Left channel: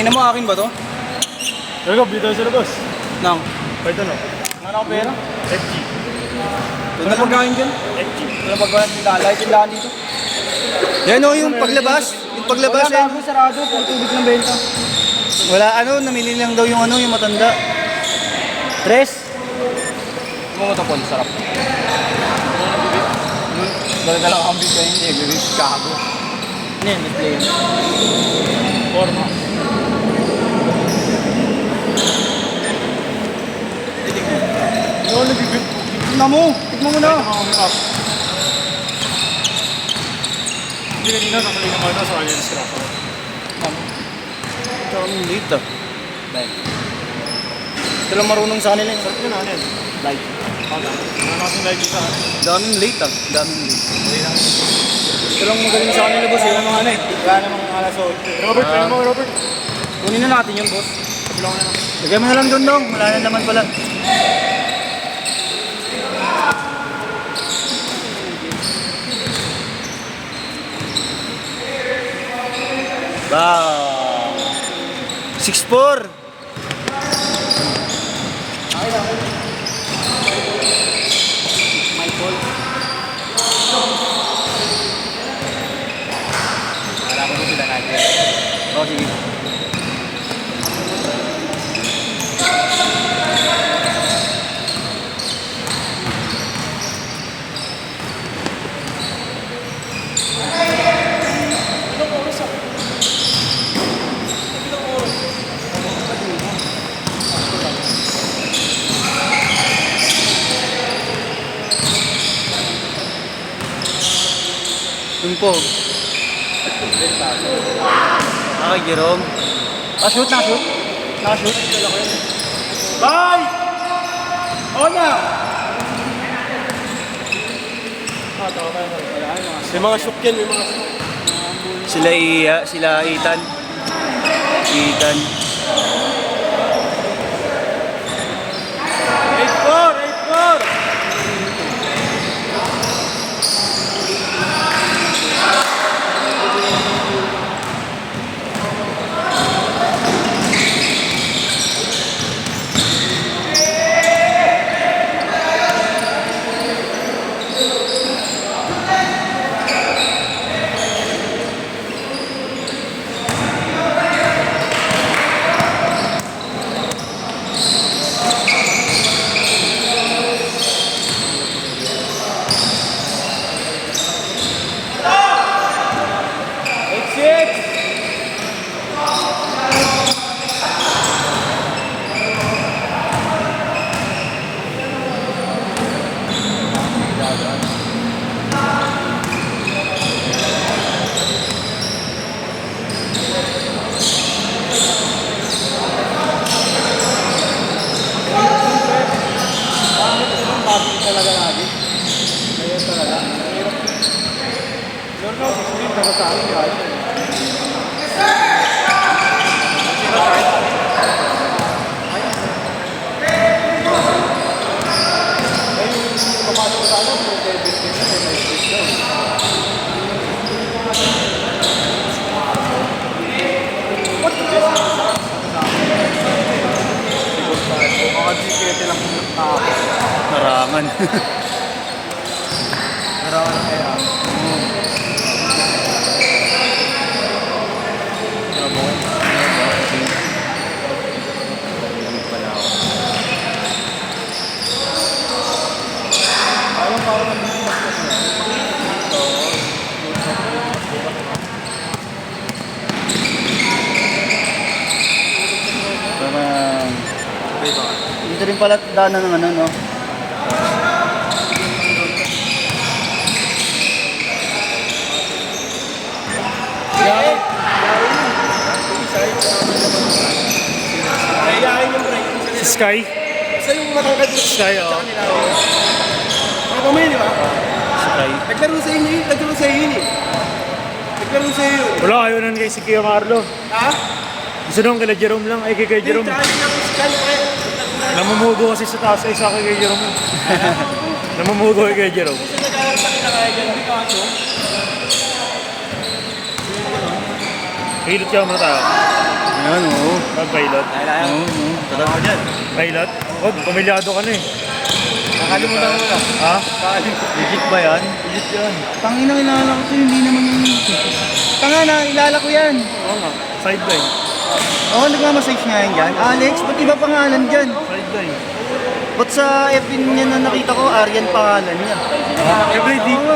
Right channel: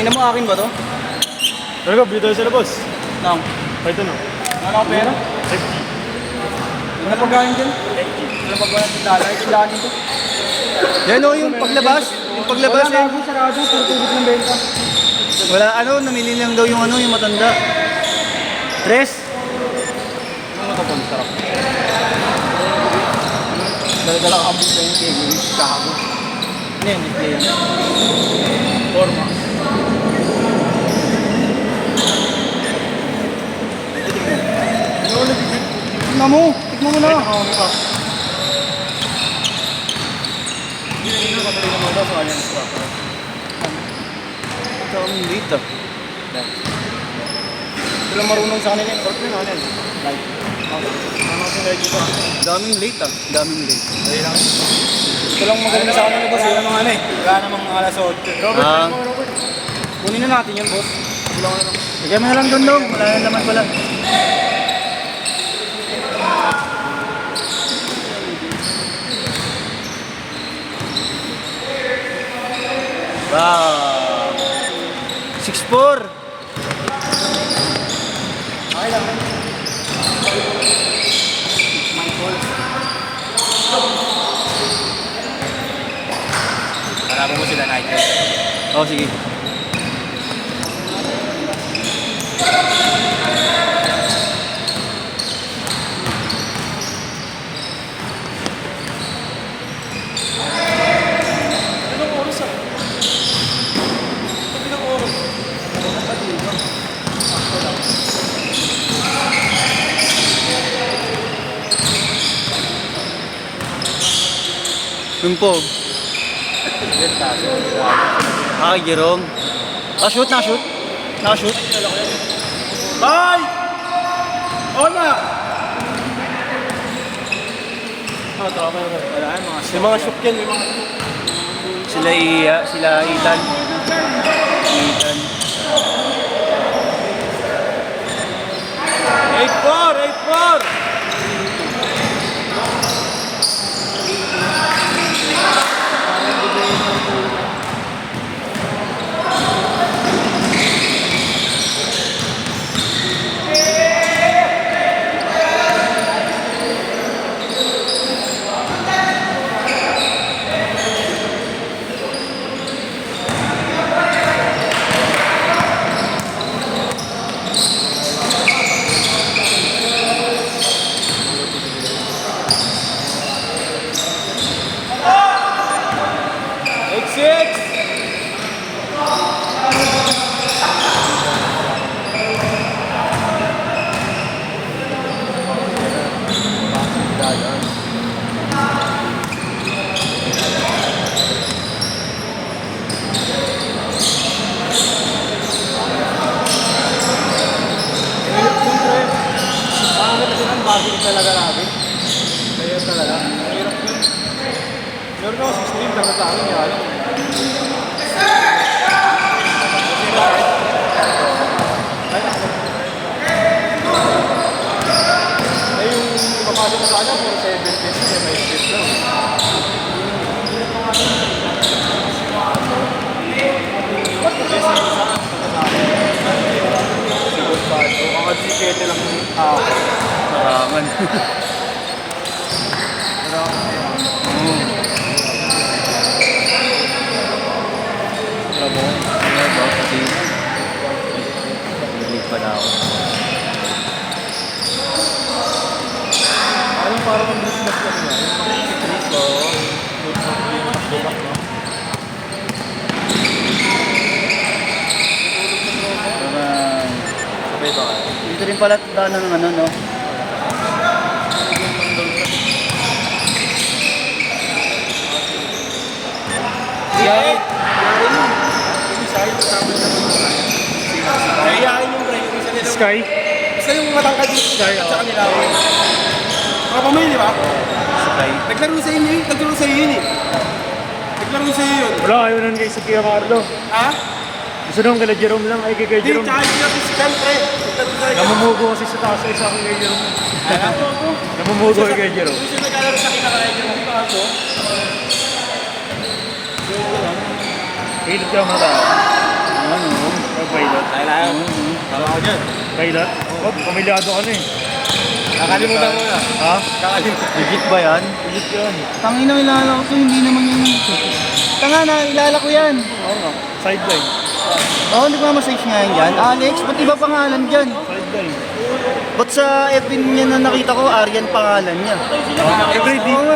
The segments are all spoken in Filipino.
Tangina mo, akin ba to? Talaga, bili tayo sa labas. No. Ito na. Ano ako pera? FG. Ano pagkain dyan? FG. Ano pagkain? Lalay, tindahan dito. Yan o, yung paglabas. Yung paglabas eh. Wala sarado, tutubig yung benta. Wala ano, namili lang daw yung ano, yung matanda. Tres? Ano ito po, sarap. Dala-dala ka kambing ba yun? Eh, bibig, kago. Ano yan, display yan? Forma. Ano nagigit? Tignan mo! Tignan mo na! Hindi na sa kaling mata sa kanyang instructor. Ikaw ang late ah. Ito lang marunong sa kanila Sarap yun, ano yan? Light. Ano natin dahil dito? Daming late ah. Daming late. Dahil lang. Ito lang magaling sa kanila boss. Yung mga ano eh. Gano'n ng alas 8. Robert, ano mo, Robert? Kunin na natin yun boss. Paglaw na lang. Lagay mo na lang doon dong. Wala na naman pala. Wow! 6'4". Marami mo sila nakikita. Oh, sige. Ilang oras ah? Ilang oras? Yung pog. Jerome. Nakashoot, nakashoot. Nakashoot. Bye! Ona! Wala yung mga May mga shook yan, may mga Sila Ethan. Ethan. 8-4! 8-4! Makadikete lang ako. Marangan. Graboy. Hindi pa na ako. Naman. Sabay ba? Dito rin pala daan ng ano, no? Kailangan yung break. Si Sky? Isa yung matangkad yung Sky, sa kanila. Ako mo yun, di ba? Sky. Naglaro sa inyo yun. Naglaro sa inyo yun eh. Naglaro sa iyo yun. Wala, ayaw nun kay si Kuya Carlo. Ha? Gusto nung kala Jerome lang, ay kay Hindi, Jerome. tsaka yung physical pre. Namumugo kasi sa taas ay sa akin kay Jerome. Namumugo kay Jerome. Gusto naglaro sa kanila kaya dyan. Hindi kaso. Pilit ka mo tayo. Yan, oo. Pilot. Tama ko dyan. Pilot? Oh, pamilyado ka na eh. Nakalimutan ko na. Ha? Legit ba yan? Legit yan. Tangin na ilala ko to, hindi naman yung... Tanga na, ilala ko yan. Oo nga. Sideline. Oo, nagmamassage nga yan dyan. Alex, ba't iba pangalan dyan? Sideline. Ba't sa FB niya na nakita ko, Aryan pangalan niya?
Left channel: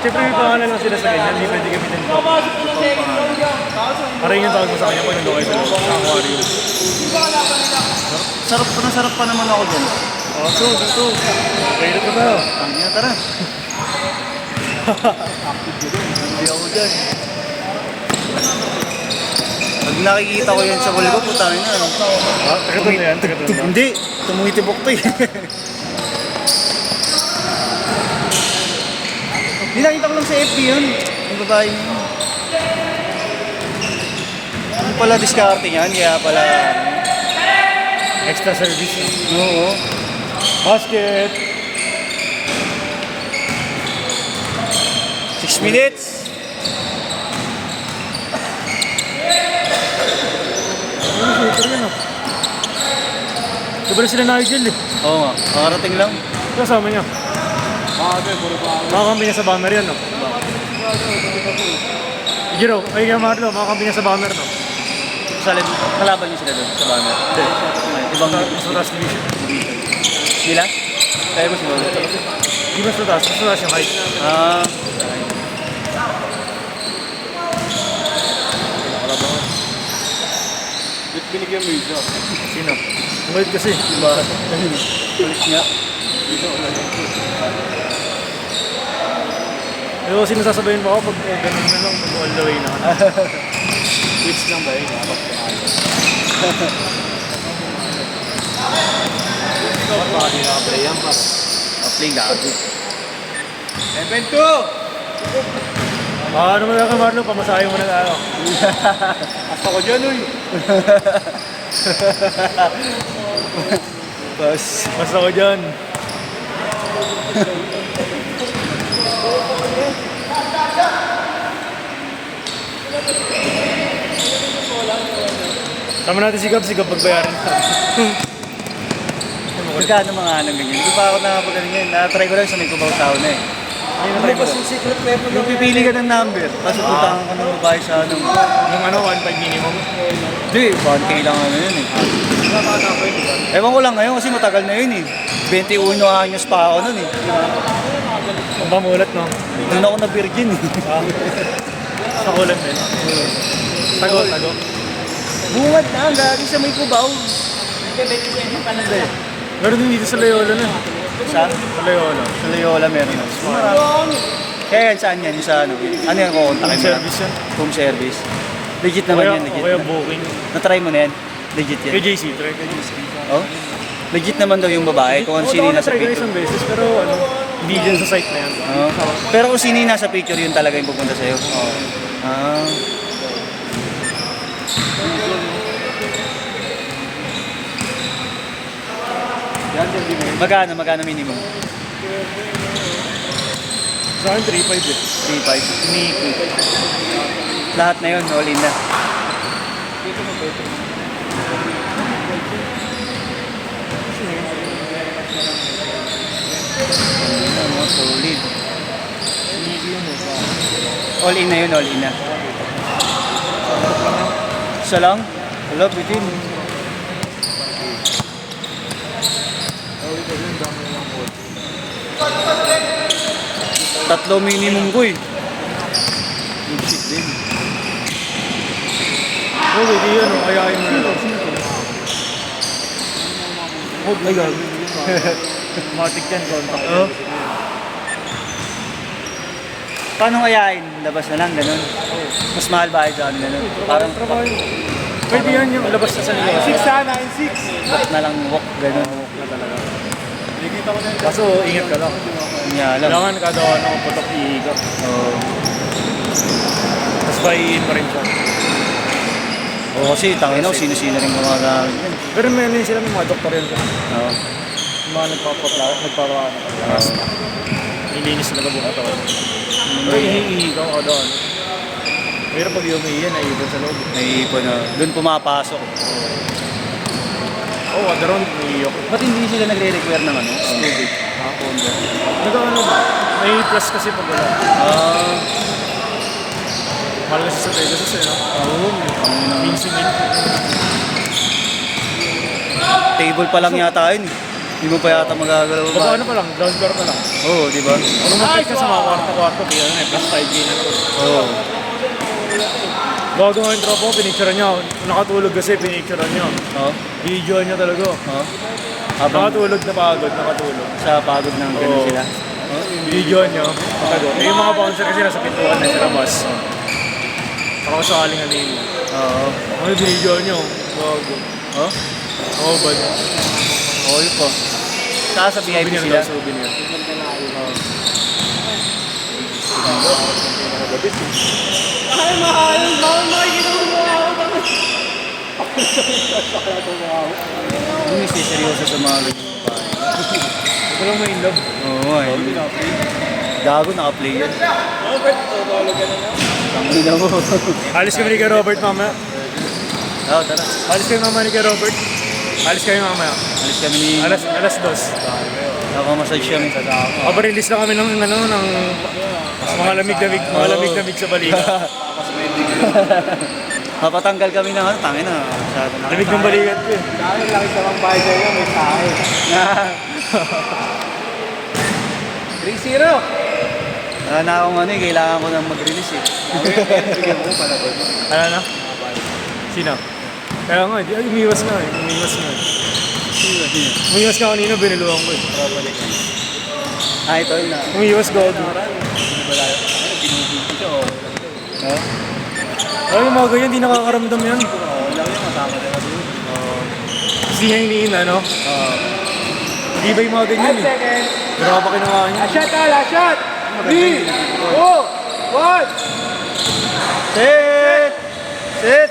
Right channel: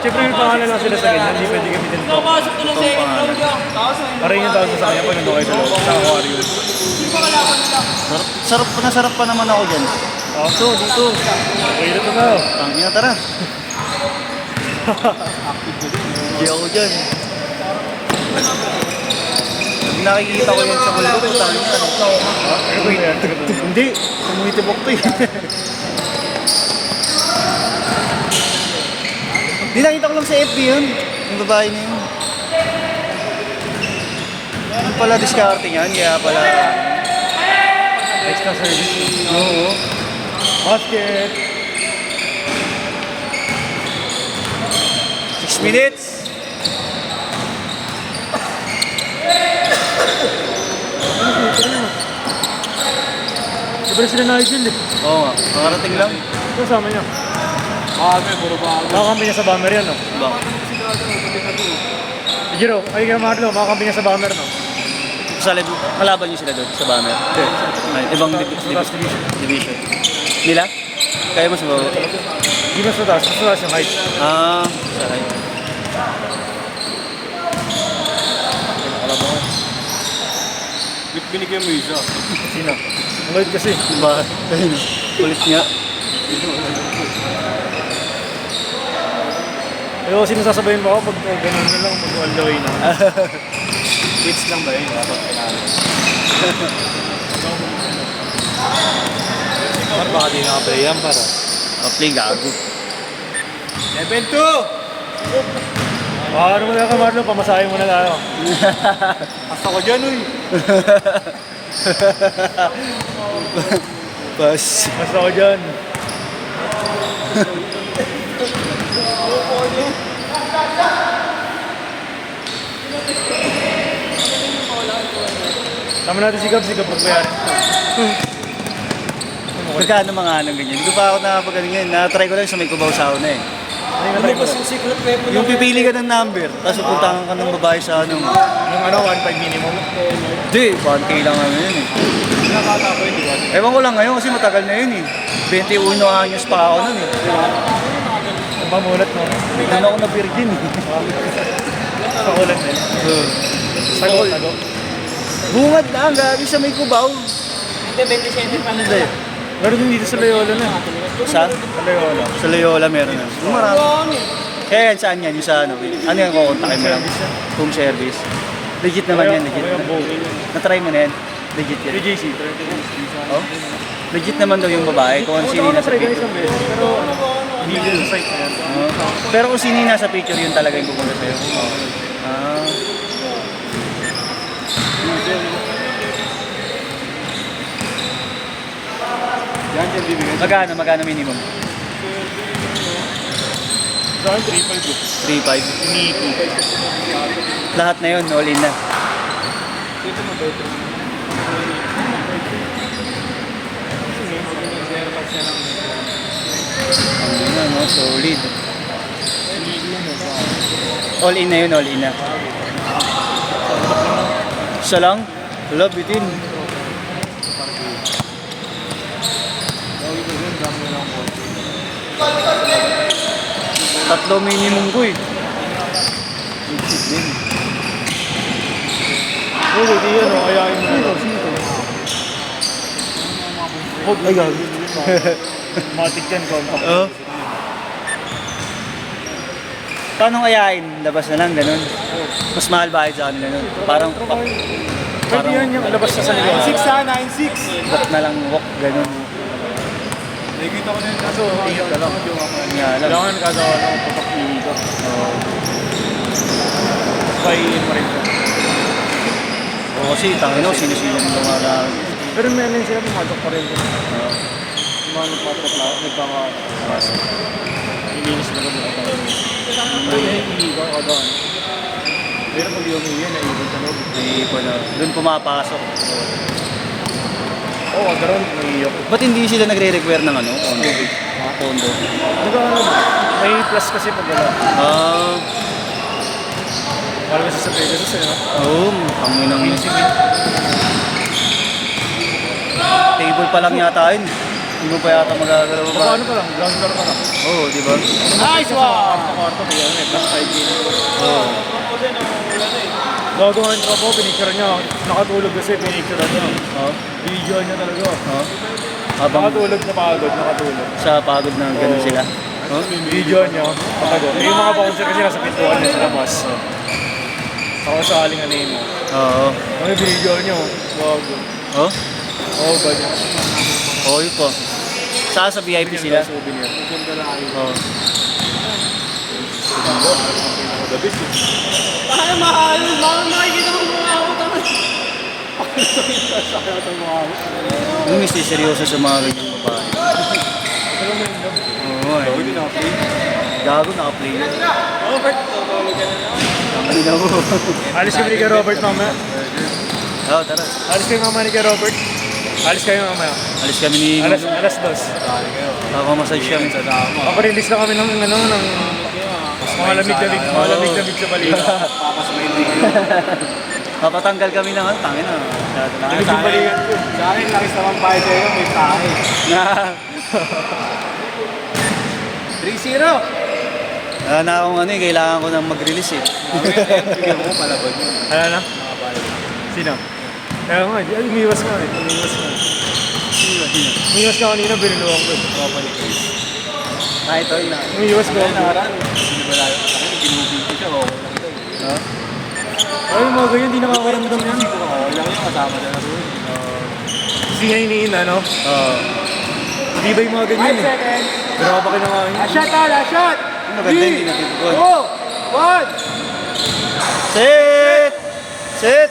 Siyempre may pangalan lang sila sa ganyan. Hindi pwede gamitin ito. Parang yung tawag mo sa kanya pag nandun kayo sa loob. Sa aquarium. Sarap pa naman ako dyan. So, dito. Pilot na tayo. Tangin na, tara. Hindi ako dyan. Pag nakikita ko yan sa bulgot, tangin na. Ano ba yan? Hindi, tumungitibok to eh. Di nakita ko lang sa FB yun. Yung babae na yun. Yung pala diskarte niyan, kaya pala... Extra service. Oo. Basket. 6 minutes. Sobrang sila Nigel eh. Oo nga, makarating lang. Kasama niyo. Makakampi niya sa banner yan, no? Jiro, ay kaya Marlo, makakampi niya sa banner, no? Kalaban niyo sila doon sa banner. Hindi. Ibang Mas mataas division. division. Nila? Kaya mo siguro. Hindi mas mataas yung height. Ah, Pinakalabangan. Binigyan mo isa. Sino? Ang height kasi. kulit nga. Ayaw kasi nasasabayin mo ako pag ganun na lang, pag all the way na. Hits lang ba yun? Kapag pinalo. Baka di nakatry yan para. Play gago. 7-2! Ano mo na ka Marlo, pamasahin mo na lang ako. Asa ko dyan, uy. Bas. Basta ako dyan. Tama natin sigap pagbayarin. Magkano mga anong ganyan? Hindi ko pa ako nakapagaling yan. Na-try ko lang sa may kubaw sa una eh. Ano yung natry mo? secret weapon Yung pipili ka ng number, tapos pupuntahan ka ng babae sa anong... Yung ano, 1.5 minimum. Hindi, 1K lang naman yun eh. Ewan ko lang ngayon kasi matagal na yun eh. 21 anyos pa ako nun eh. Ang mamulat, no? Hindi na ako na-virgin eh. Pakulat din. Tago. Bungad na, gabi sa may kubaw. Meron din dito sa Loyola na. Saan? Sa Loyola. Sa Loyola meron yun. Kaya yan, saan yan? Yung sa ano? Ano yan kukontakin mo lang? Service yan. Home service. Legit naman yan, legit. Kaya booking. Na-try mo na yan? Legit yan. KJC, try KJC. Oh? Legit naman daw yung babae kung ano sino yung nasa na-try ko picture. isang beses, pero ano, hindi dyan sa site na yan. Oh. Pero kung sino yung nasa picture, yun talaga yung pupunta sa'yo. Ah. Magkano minimum? Saan? 3.5 eh. 3.5. Niki. Lahat na yun, all in na. Ano na, no? Solid. Niki yun eh. All in na yun, all in na. Isa lang? Wala, bitin. Tatlo minimum ko eh. Legit din. Okay, di yan o, ayayin mo na lang. Huwag na gag. Matik yan, contact. Paano ayain? Labas na lang, ganun. Mas mahal ba sa kanila ganun? Parang trabaho yun. Pwede yan yung labas na sa negosyo. 6-9-6. ba't na lang walk, ganun. Nakikita ko na yung Kaso, ingat ka lang. Kanya lang. Kailangan kagawa ng patak iigat. Oo. Tapos pahiin mo rin siya. Oo, kasi tangin mo, sino-sino rin mga marami. Pero may ano yun sila, may mga doktor rin. Oo. Yung mga nagpapaano. Ilinis na doon. Ay, hinihingi ka doon. Pero pag yung umiiyan, naiipon sa loob. Naiipon na. Doon pumapasok. Oo, daron, umiiyok. Ba't hindi sila nagre-require ng ano? Tubig. Kondo. Nagkakaroon, may plus kasi pag wala. Mahal kasi sa Pegasus eh, no? Oo. Ang inang Minsan yun. table pa lang yata yun. Hindi mo pa yata magagalaw ba? Ano pa lang, ground floor pa lang. Oo, di ba? Ano mo kasi sa mga kwarto-kwarto, kaya ano eh, plus 5K na to. Oo. Bago nga yung tropa, pinicturean niya. Nakatulog kasi, pinicturean niya. Oo. Video niya talaga. Oo. Habang Nakatulog na pagod, nakatulog. sa pagod ng ganun Oo. sila. Oo. Video niya, patago. Eh, yung mga bouncer kasi nasa pintuan na sa labas. Ako sa aling anin mo. Oo. Ano yung video niya? Bago. Oo. Oo, bad. Oo, yun po. Saan sa VIP Souvenir sila? daw, souvenir. Oo. Yung miss seryoso sa mga ganyan babae. Pero may love. Oo, ay. Gago, naka-play yun. Robert, tutulog ka na niya. Tangin na mo. Alis kami ni kay Robert mamaya. Oo, tara. Alis kami mamaya ni kay Robert. Alis kami mamaya. Alis kami ni... Alas 2. Nakaka-massage kami. Paparelease na kami ng ano, ng mga lamig-lamig sa balikat. Papatanggal kami ng ano, tangin na. Masyado na. Lamig yung balikat ko. Sana yung laki sa mga bahay sa'yo, may tahay. 3-0. Wala na akong ano eh, kailangan ko nang mag-release eh. Ano na? Sino? Kaya nga, umiwas nga eh. Umiwas nga. Umiwas ka kanina, biniluhan ko. Ah, ito na. Umiwas ka. No? Ay, yung mga ganyan, di nakakaramdam yan. Kasi nga iniina, no? Di ba yung mga ganyan eh? Grabe pa kinakain. Shot, ala, shot! Maganda 3, yun. 2, 1. Sit! Sit!